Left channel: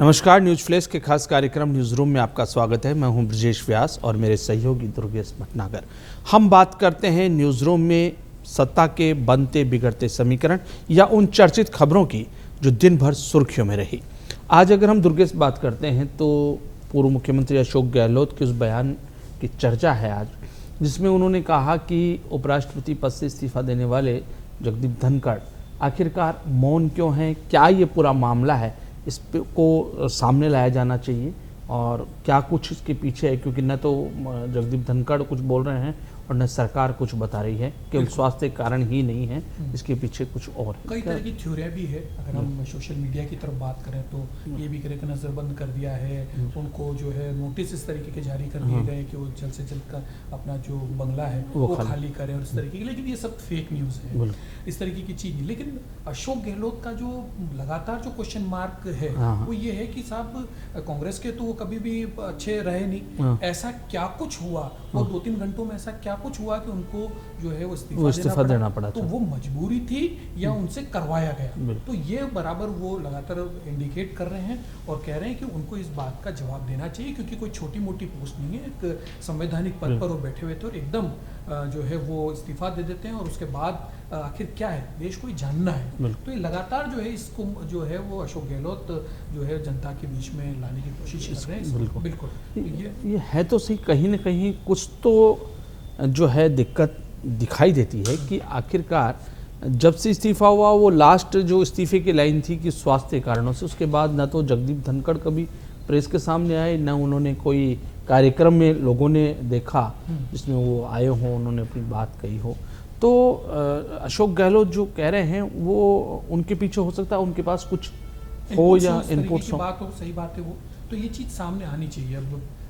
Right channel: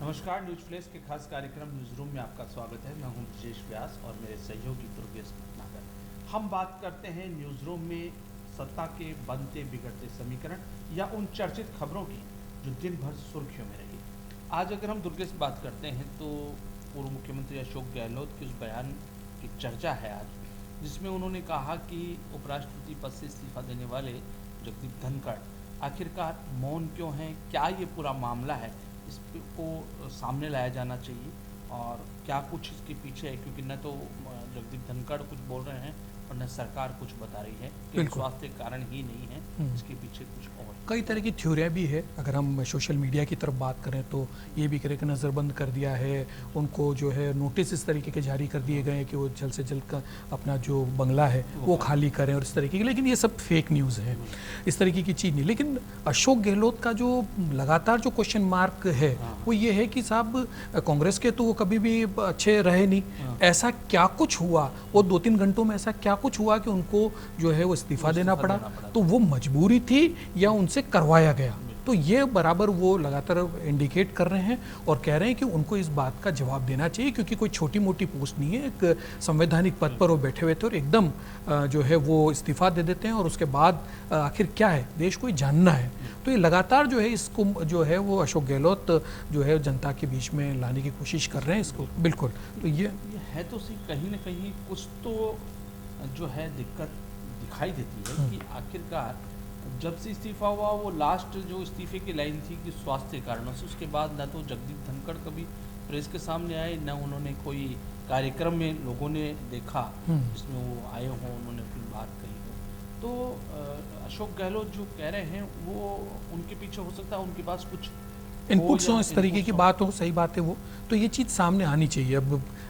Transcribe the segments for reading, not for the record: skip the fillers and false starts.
नमस्कार, news flash के खास कार्यक्रम न्यूज रूम में आपका स्वागत है। मैं हूं ब्रजेश व्यास और मेरे सहयोगी दुर्गेश भटनागर। हम बात करते हैं न्यूज रूम में सत्ता के बनते बिगड़ते समीकरण या उन चर्चित खबरों की जो दिन भर सुर्खियों में रही। आज अगर हम दुर्गेश बात करते हैं तो पूर्व मुख्यमंत्री अशोक गहलोत के उस बयान की चर्चा है आज, जिसमें उन्होंने कहा कि उपराष्ट्रपति पद से इस्तीफा देने वाले जगदीप धनखड़ आखिरकार मौन क्यों हैं, क्या ये पूरा मामला है, इस को सामने लाया जाना चाहिए और क्या कुछ इसके पीछे है, क्योंकि न तो जगदीप धनखड़ कुछ बोल रहे हैं और न सरकार कुछ बता रही है। केवल स्वास्थ्य कारण ही नहीं है, इसके पीछे कुछ और कई तरह की थ्योरियाँ भी है। अगर हम सोशल मीडिया की तरफ बात करें तो ये भी करें कि नज़रबंद कर दिया है, उनको जो है नोटिस इस तरीके के जारी कर दिए गए कि वो जल्द से जल्द का अपना जो बंगला है वो खाली करें और इस तरीके की, लेकिन ये सब फेक न्यूज़ है, इस तरीके की चीज़ नहीं। लेकिन अशोक गहलोत का जो लगातार जो क्वेश्चन मार्क है वो ये है कि साहब कांग्रेस के तो वो कभी भी अच्छे रहे नहीं, ऐसा क्या कुछ हुआ, वो 2-3 घंटों में ऐसा क्या कुछ हुआ कि उनको जो है वो इस्तीफा देना पड़ा, तो वो मजबूरी थी या उनसे करवाया गया। तो ये बराबर वो लगातार इंडिकेट कर रहे हैं और कह रहे हैं कि उनको इस बात का जवाब देना चाहिए, क्योंकि कोई छोटी मोटी पोस्ट नहीं है, एक संवैधानिक पद पर वो बैठे हुए थे और एकदम जो है वो इस्तीफा दे देते हैं और उसके बाद आखिर क्या है देश को ही जानना है। तो ये लगातार जो है इसको जो है वो अशोक गहलोत जो है जनता के बीच में लाने की कोशिश कर रहे हैं इसको। बिल्कुल, तो ये है तो सही, कहीं ना कहीं कुछ तो जो है दिक्कत दिखाई देती है कि आखिरकार जब से इस्तीफा हुआ, वो लास्ट जो इस्तीफे की लाइन थी कि स्वास्थ्य कारणों से, उसके बाद न तो जगदीप धनखड़ कभी प्रेस के सामने आए, न उन्होंने कोई कार्यक्रम में लोगों ने देखा जिसमें वो आए हों, उन्होंने अपनी बात कही हो। तो अशोक गहलोत जो कह रहे हैं वो उनके पीछे हो सकता है उनके पास कुछ हो या इस तरीके की बात हो, सही बात है वो, तो ये चीज़ सामने आनी चाहिए।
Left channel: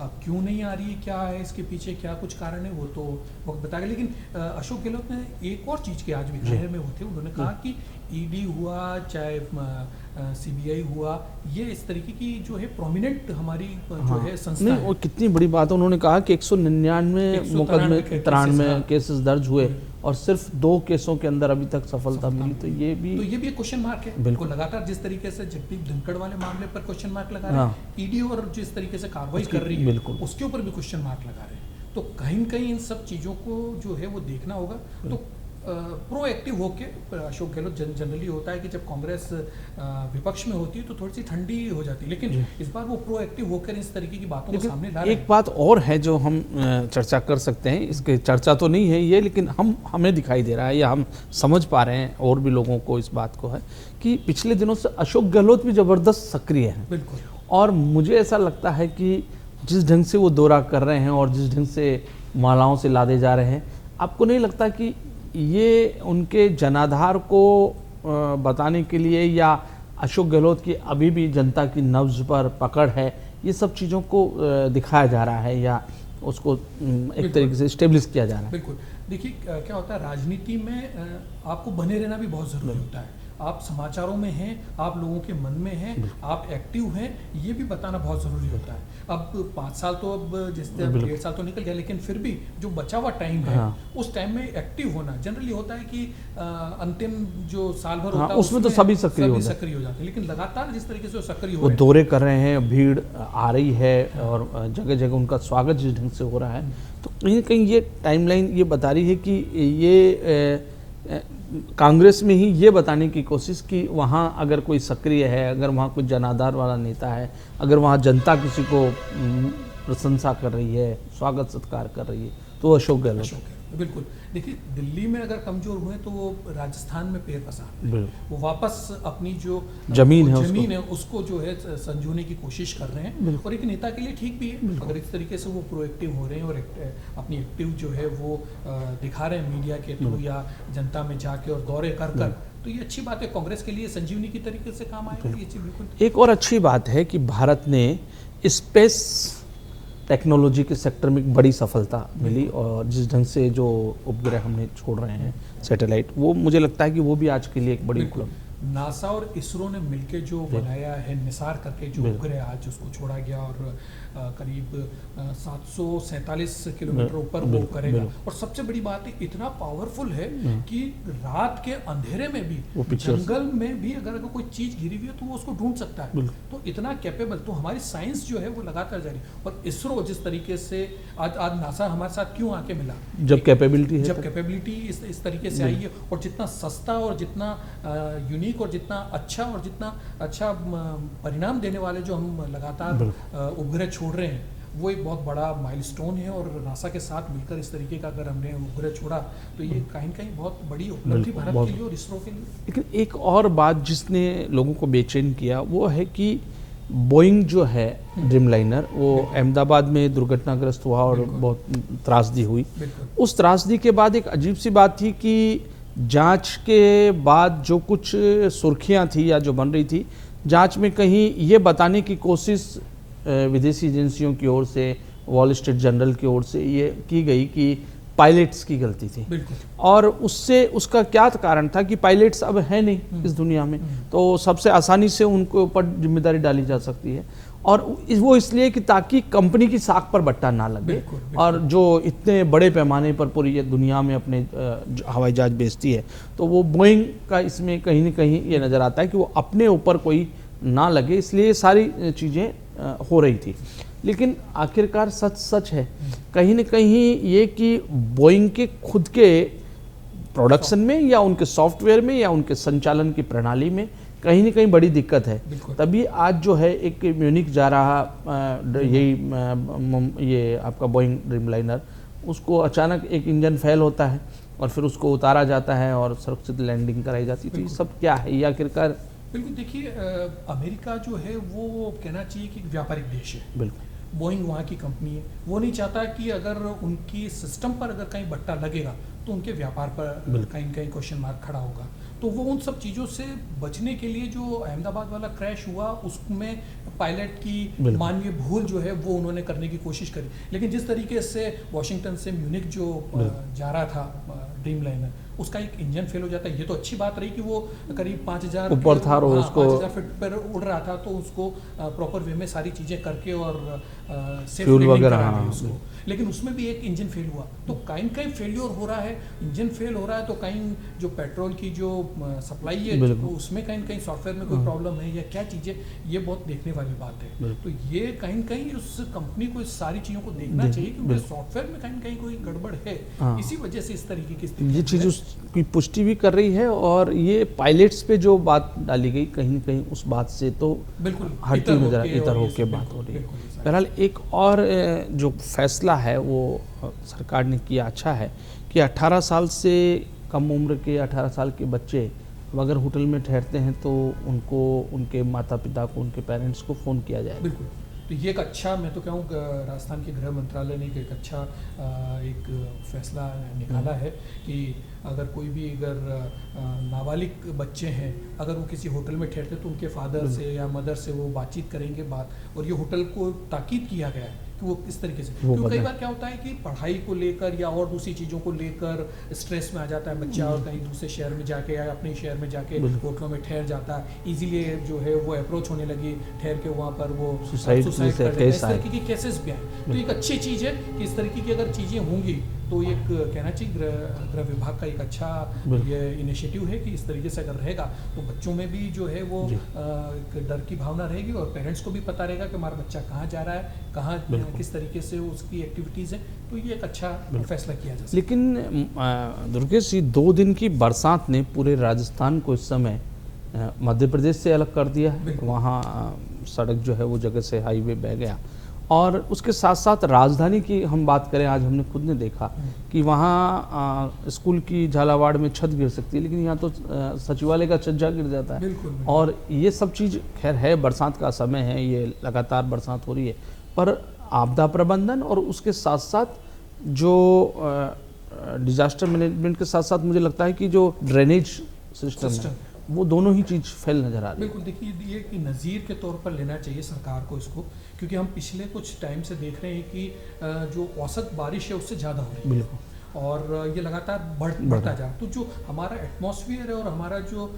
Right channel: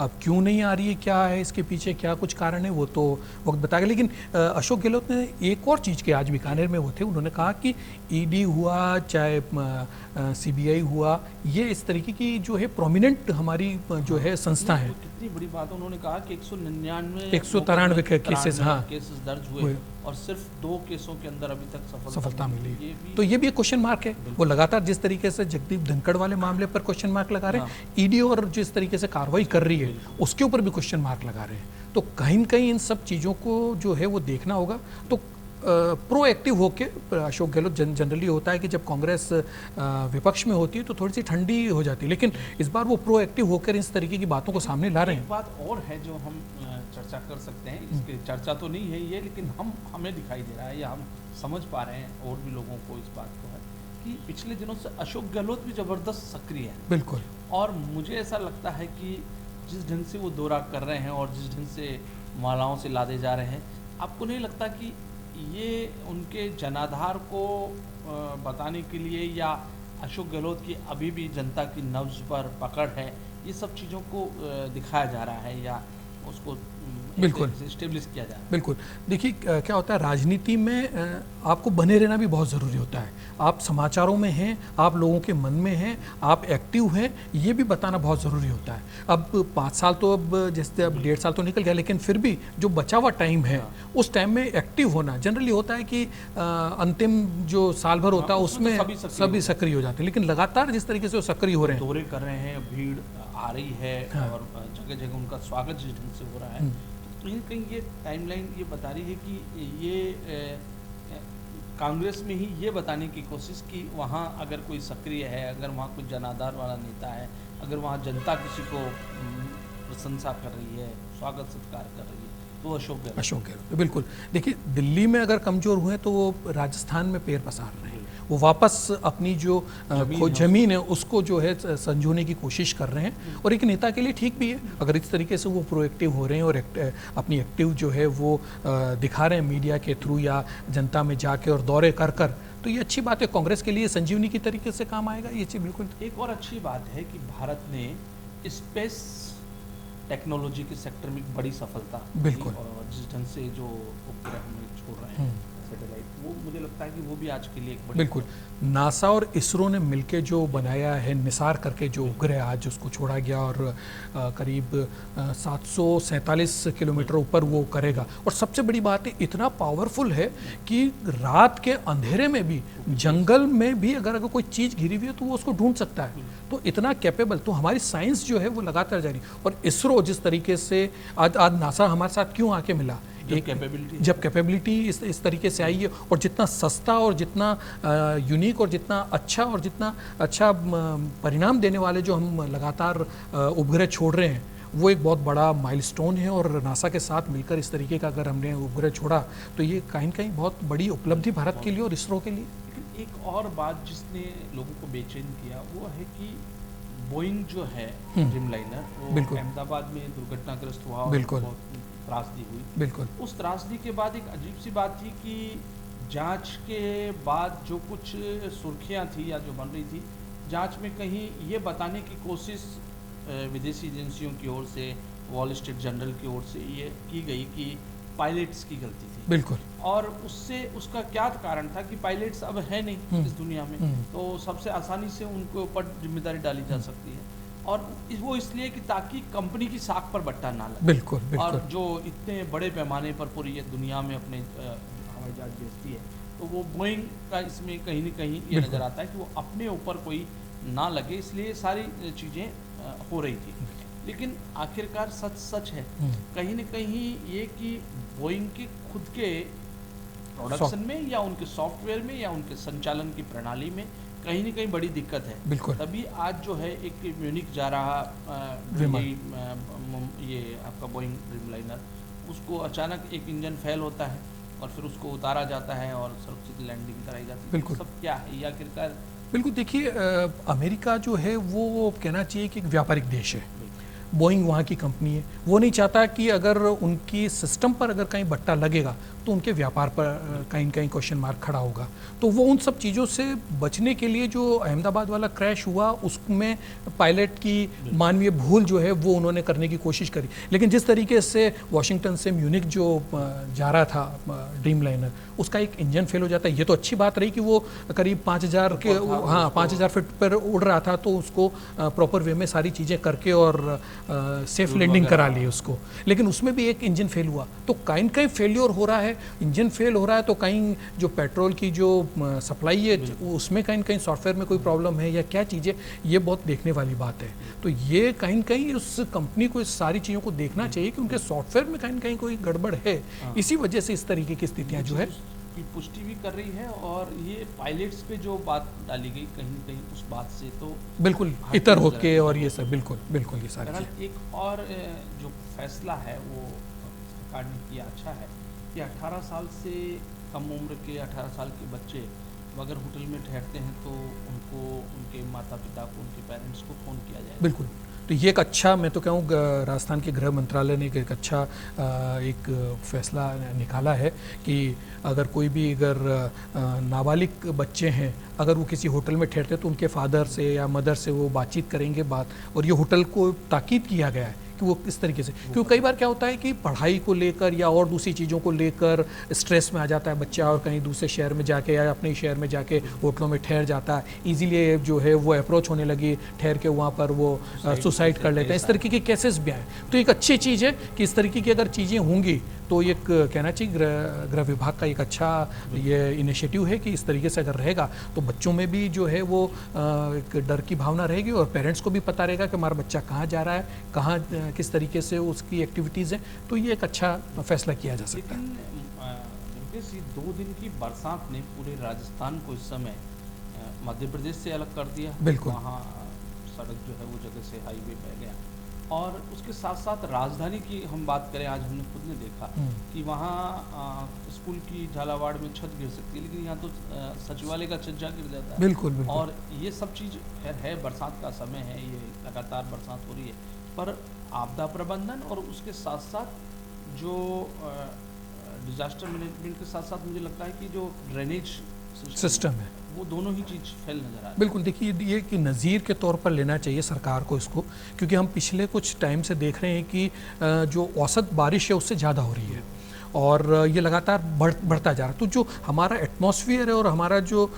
अब क्यों नहीं आ रही है, क्या है इसके पीछे, क्या कुछ कारण है, वो तो वक्त बताएगा। लेकिन अशोक गहलोत ने एक और चीज़ के आज बीकानेर में वो थे, उन्होंने कहा कि ईडी हुआ चाहे सीबीआई हुआ, ये इस तरीके की जो है प्रोमिनेंट हमारी जो है संस्था है। कितनी बड़ी बात है। उन्होंने कहा कि 193 केसेस दर्ज हुए और सिर्फ 2 केसों के अंदर अभी तक सफलता मिली। तो ये भी एक क्वेश्चन मार्क है। वो लगातार जिस तरीके से जगदीप धनखड़ वाले मामले पर क्वेश्चन मार्क लगा रहे हैं, ईडी और जिस तरीके से कार्रवाई कर रही है उसके ऊपर भी क्वेश्चन मार्क लगा रहे हैं। तो कहीं न कहीं इन सब चीज़ों को जो है वो देखना होगा। तो प्रोएक्टिव होके अशोक गहलोत जनरली होता है कि जब कांग्रेस विपक्ष में होती है तो थोड़ी सी ठंडी हो जाती है, लेकिन इस बार वो प्रोएक्टिव होकर इस तरीके की बातों को सामने ला रहे हैं। एक बात और है जो हम चर्चा कर सकते हैं, इसके चर्चा तो नहीं है ये, लेकिन हमें दिखाई दे रहा है या हम समझ पा रहे हैं और भी लोगों को इस बात को है कि पिछले दिनों से अशोक गहलोत भी ज़बरदस्त सक्रिय है। बिल्कुल। और मुझे ऐसा लगता है कि जिस ढंग से वो दौरा कर रहे हैं और जिस ढंग से मालाओं से लादे जा रहे हैं, आपको नहीं लगता कि ये उनके जनाधार को बताने के लिए या अशोक गहलोत की अभी भी जनता की नब्ज पर पकड़ है, ये सब चीज़ों को दिखाया जा रहा है या उसको एक तरीके से स्टेब्लिश किया जा रहा है? बिल्कुल। देखिए क्या होता है, राजनीति में आपको बने रहना भी बहुत ज़रूरी होता है। आप समाचारों में हैं, आप लोगों के मन में हैं, आप एक्टिव हैं, ये भी बताना बहुत ज़रूरी होता है। अब 5 साल तो अब जैसे अब 1.5 साल तो निकल गया, लेकिन फिर भी जो बचा हुआ टाइम है उस टाइम में एक्टिव होना जनरली होता है कि अंतिम जो साल भर होता है उसमें तो सभी सक्रिय हो जाते हैं, लेकिन लगातार जिस तरीके से वो सक्रिय हो रहे हैं, दौरे कर रहे हैं, भीड़ आ रही है और जगह जगह उनका स्वागत जिस ढंग से हो रहा है, तो कहीं ना कहीं ये टाइमलाइन ये बता रही है कि ये कांग्रेस में ही ये बताने की कोशिश कि वहाँ अगर कोई सक्रिय है, अगर वहाँ कोई जनाधार वाला नेता है, अगर वहाँ जनता किसी को प्रशंसा कर रही है, स्वागत सत्कार कर रही है, तो अशोक गहलोत। बिल्कुल। देखिए दिल्ली में अगर कमजोर हुए तो वो राजस्थान में पैर पसार रहे हैं, वो वापस अपनी जो जमीन है उसको जो है संजोने की कोशिश कर रहे हैं, और एक नेता के लिए ठीक भी है अगर इस तरीके से वो प्रोएक्टिव हो रहे हैं और अपनी एक्टिव जो है वो दिखा रहे हैं मीडिया के थ्रू या जनता में जाके और दौरे कर कर, तो ये अच्छी बात है। कांग्रेस के लिए संजीवनी की तरीके से काम आएगा ये चीज़। बिल्कुल। एक और अच्छी बात है कि भारत ने स्पेस टेक्नोलॉजी के सेक्टर में एक बड़ी सफलता मिली और जिस ढंग से जो उपग्रह हमने छोड़ रहे हैं सैटेलाइट, वो मुझे लगता है कि वो भी आज के लिए एक बड़ी नासा और इसरो ने मिलके जो बनाया है निसार करके जो उपग्रह आज उसको छोड़ा गया और करीब 747 किलोमीटर ऊपर वो करेगा। और सबसे बड़ी बात है इतना पावरफुल है कि रात के अंधेरे में भी जंगल में भी अगर कोई चीज घिरी हुई है तो वो उसको ढूंढ सकता है। तो इतना कैपेबल, तो हमारी साइंस जो है वो लगातार जारी। और इसरो जिस तरीके से आज नासा हमारे साथ क्यों आके मिला, जब कैपेबिलिटी इस तरीके से आई है और जितना सस्ता और जितना यूनिक और जितना अच्छा परिणाम देने वाले जो हम लगातार उपग्रह छोड़ रहे हैं वो एक बहुत बड़ा माइलस्टोन है। और नासा के साथ मिलकर इस तरीके का अगर हमने उपग्रह छोड़ा तो ये कहीं न कहीं बहुत बड़ी उपलब्धि भारत के लिए और इसरो के लिए। लेकिन एक और बात जिसने लोगों को बेचैन किया वो है कि बोइंग जो है ड्रीमलाइनर वो अहमदाबाद में दुर्घटनाग्रस्त हुआ और बहुत त्रासदी हुई। उस त्रासदी के बाद एक अजीब सी बात थी कि जांच के बाद जो कुछ सुर्खियां थी या जो बन रही थी, जांच में कहीं ये बताने की कोशिश विदेशी एजेंसियों की ओर से, वॉल स्ट्रीट जर्नल की ओर से ये की गई कि पायलट्स की गलती थी। बिल्कुल। और उसका क्या कारण था कि पायलट्स अब है नहीं इस दुनिया में, तो सबसे आसानी से उनको ऊपर जिम्मेदारी डाली जा सकती है। और वो इसलिए कि ताकि कंपनी की साख पर बट्टा ना लगे। बिल्कुल। और जो इतने बड़े पैमाने पर पूरी ये दुनिया में अपने हवाई जहाज बेचती है, तो वो बोइंग का इसमें कहीं न कहीं ये नज़र आता है कि वो अपने ऊपर कोई ना लगे, इसलिए ये सारी चीज़ें हो रही थी। लेकिन आखिरकार सच है कहीं न कहीं ये कि बोइंग के खुद के प्रोडक्शन में या उनके सॉफ्टवेयर में या उनके संचालन की प्रणाली में कहीं न कहीं बड़ी दिक्कत है। तभी आज जो है एक म्यूनिक जा रहा ये आपका बोइंग ड्रीमलाइनर, उसको अचानक एक इंजन फेल होता है और फिर उसको उतारा जाता है और सुरक्षित लैंडिंग कराई जाती है। सब क्या है ये आखिरकार? बिल्कुल, देखिए अमेरिका जो है वो कहना चाहिए कि एक व्यापारिक देश है। बिल्कुल। बोइंग वहाँ की कंपनी है, वो नहीं चाहता कि अगर उनकी सिस्टम पर अगर कहीं बट्टा लगेगा तो उनके व्यापार पर कहीं न कहीं क्वेश्चन मार्क खड़ा होगा। तो वो उन सब चीज़ों से बचने के लिए जो अहमदाबाद वाला क्रैश हुआ उसमें पायलट की मानवीय भूल जो है वो उन्होंने करने की कोशिश करी। लेकिन जिस तरीके से वॉशिंगटन से म्यूनिक जो जा रहा था ड्रीमलाइनर, उसका एक इंजन फेल हो जाता है। ये तो अच्छी बात रही कि वो करीब 5000 फीट पर उड़ रहा था, तो उसको प्रॉपर वे में सारी चीज़ें करके और सेफ लैंडिंग करा ली उसको। लेकिन उसमें भी एक इंजन फेल हुआ, तो कहीं कहीं फेल्योर हो रहा है, इंजन फेल हो रहा है तो कहीं जो पेट्रोल की जो सप्लाई है उसमें कहीं कहीं सॉफ्टवेयर में कोई प्रॉब्लम है या क्या चीज़ें, ये बहुत देखने वाली बात है। तो ये कहीं कहीं उस कंपनी को इस सारी चीज़ों को देखना चाहिए कि उनके सॉफ्टवेयर में कहीं कहीं कोई गड़बड़ है, इसी वजह से इस तरीके की स्थिति की पुष्टि भी कर रही है। और ये पायलट्स पे जो बात डाली गई कहीं कहीं उस बात से तो बिल्कुल इतर होके और ये सब बिल्कुल बहरहाल एक और जो फैसला है वो सरकार ने किया अच्छा है कि 18 साल से कम उम्र के 18 साल के बच्चे अगर होटल में ठहरते हैं तो उनको उनके माता पिता को, उनके पेरेंट्स को फ़ोन किया जाए। बिल्कुल। तो ये एक अच्छा, मैं तो कहूँ राजस्थान के गृह मंत्रालय ने एक अच्छा एक फैसला निकाला है कि अगर कोई भी अगर नाबालिग बच्चे हैं, अगर वो किसी होटल में ठहरते हैं तो उनके फादर से या मदर से वो बातचीत करेंगे और ये होटल को ताकीद किया गया है कि वो किस तरीके से, क्योंकि कई बार क्या होता है कि पढ़ाई को लेकर या और दूसरी चीज़ों को लेकर स्ट्रेस में आ जाता है बच्चा और कहीं दूसरे शहर में जाके या अपने शहर में जाके होटलों में ठहर जाता है, इजीली जो है वो अप्रोच होने लगी, ठहर के वहाँ पर वो सुसाइड कर लेते हैं। इस तरीके के केसेस भी आए, तो एक अच्छी चीज़ है कि इस तरीके की अगर चीज़ें होंगी तो एक कहना चाहिए गृह विभाग का एक अच्छा ये इनिशिएटिव है कि इस तरीके से अगर रहेगा तो बच्चों में भी जो है वो एक डर की भावना रहेगी और पेरेंट्स को भी पता रहेगा कि हमारा बच्चा कहाँ जा रहा है, कहाँ किस तरीके से उसकी एक्टिविटीज़ हैं। तो ये एक अच्छा फैसला किया जा सकता है। लेकिन दुर्गेश जी, 2 दिन की बरसात ने पूरे राजस्थान को इस समय मध्य प्रदेश से अलग कर दिया है। वहाँ सड़क जो है वो जगह से हाईवे बह गया और उसके साथ साथ राजधानी की हम बात करें, आज हमने खुद ने देखा कि वहाँ स्कूल की झालावाड़ में छत गिर सकती है, लेकिन यहाँ तो सचिवालय का छज्जा गिर जाता है। बिल्कुल। और ये सब चीज़ खैर है, बरसात का समय है, ये लगातार बरसात हो रही है, पर आपदा प्रबंधन और उसके साथ साथ जो डिजास्टर मैनेजमेंट के साथ साथ मुझे लगता है कि जो ड्रेनेज सिस्टम है वो दोनों ही चीज़ फेल नजर आ रही है। बिल्कुल, देखिए ये कि नज़ीर के तौर पर लेना चाहिए सरकार को इसको, क्योंकि हम पिछले कुछ टाइम से देख रहे हैं कि जो औसत बारिश है उससे ज़्यादा हो रही है और ये लगातार बढ़ता जा रहा है। तो जो हमारा एटमॉस्फेयर है और हमारा जो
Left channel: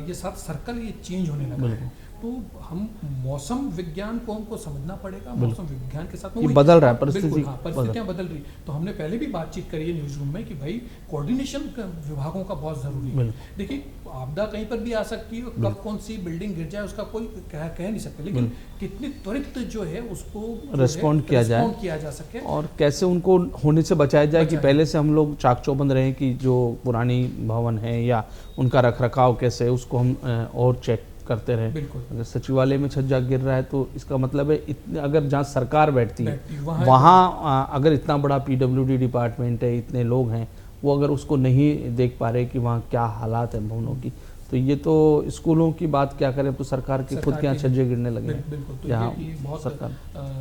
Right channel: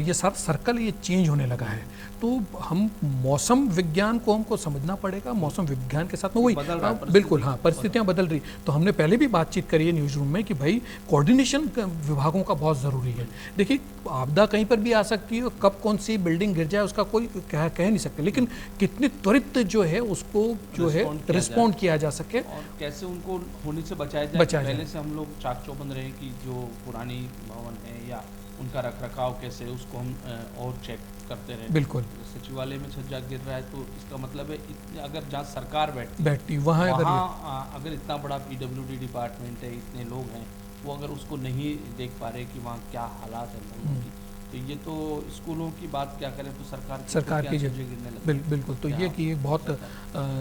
ये सारा सर्कल ये चेंज होने लगा है, तो हम मौसम विज्ञान को हमको समझना पड़ेगा। मौसम विज्ञान के साथ में वही बदल रहा है, बिल्कुल, हाँ, परिस्थितियां बदल रही। तो हमने पहले भी बातचीत करी है न्यूज़ रूम में कि भाई कोऑर्डिनेशन विभागों का बहुत ज़रूरी है। देखिए, आपदा कहीं पर भी आ सकती है, कब कौन सी बिल्डिंग गिर जाए उसका कोई कह नहीं सकते, लेकिन कितनी त्वरित जो है उसको रिस्पॉन्ड किया जा सके और कैसे उनको होने से बचाया जाए कि पहले से हम लोग चाक चौबंद रहे कि जो पुरानी भवन है या उनका रखरखाव कैसे है उसको हम और चेक करते रहे। बिल्कुल, अगर सचिवालय में छज्जा गिर रहा है तो इसका मतलब है अगर जहाँ सरकार बैठती वहाँ अगर इतना बड़ा पीडब्ल्यूडी डिपार्टमेंट है, इतने लोग हैं, वो अगर उसको नहीं देख पा रहे कि वहाँ क्या हालात हैं भवनों की, तो ये तो स्कूलों की बात क्या करें, तो सरकार की खुद के यहाँ छज्जे गिरने लगे। बिल्कुल, तो ये कि बहुत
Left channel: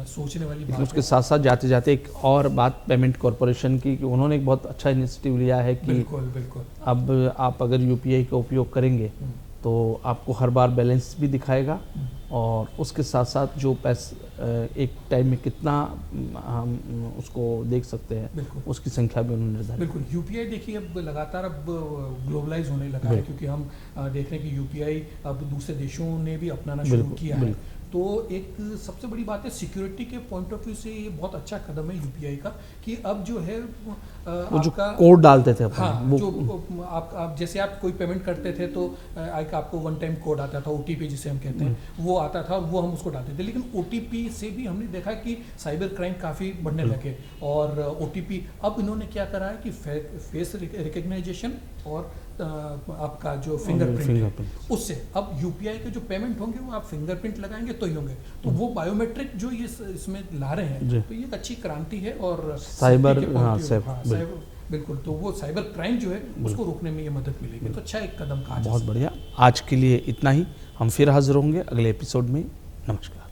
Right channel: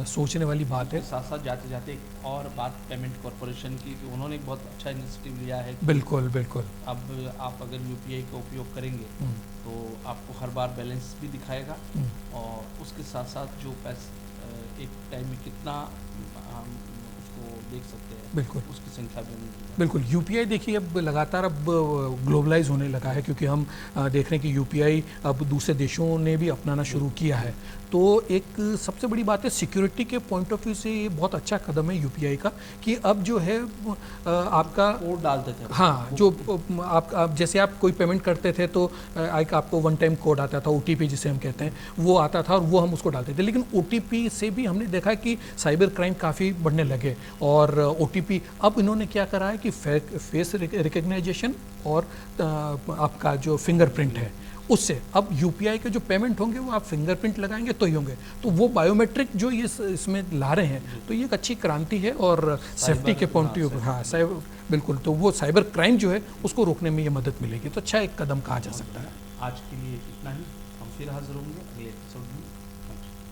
सोचने वाली बात है। उसके साथ साथ जाते जाते एक और बात पेमेंट कॉरपोरेशन की, कि उन्होंने एक बहुत अच्छा इनिशिएटिव लिया है कि बिल्कुल अब आप अगर यूपीआई का उपयोग करेंगे तो आपको हर बार बैलेंस भी दिखाएगा और उसके साथ साथ जो पैसे एक टाइम में कितना हम उसको देख सकते हैं, बिल्कुल उसकी संख्या भी उन्होंने बिल्कुल। यूपीआई देखिए अब लगातार अब ग्लोबलाइज होने लगा है, क्योंकि हम देख रहे हैं कि यूपीआई अब दूसरे देशों ने भी अपनाना शुरू किया है। तो एक सबसे बड़ी बात है सिक्योरिटी के पॉइंट ऑफ व्यू से ये बहुत अच्छा कदम है यूपीआई का, कि अब जो है आपका कोड डालते थे, हाँ, जो आप जैसे आप कोई पेमेंट करते थे तो आपको वन टाइम कोड आता था, ओटीपी जिसे हम कहते हैं, वो आता था और वो हम उसको डालते थे। लेकिन ओटीपी से भी हमने देखा कि साइबर क्राइम काफ़ी बढ़ने लगे, और ओटीपी अब इन्होंने क्या करा है कि फेस रिकग्नाइजेशन और आपका जो फिंगरप्रिंट है, उससे अब यूपीआई के जो पेमेंट होंगे वो आप फिंगरप्रिंट लगाएंगे तो ही होंगे। तो वो बायोमेट्रिक जो ये इसमें ला रहे हैं, तो ये एक अच्छी क्रांति है और सेफ्टी के पॉइंट ऑफ व्यू, हाँ, बिल्कुल, तो वो साइबर क्राइम जो है उसको रोकने में ये मदद मिलेगी। तो अच्छा एक कदम कहा जा सकता है। बहुत बढ़िया। आज के लिए इतना ही, हम फिर हाजिर होंगे अगले एपिसोड में। नमस्कार।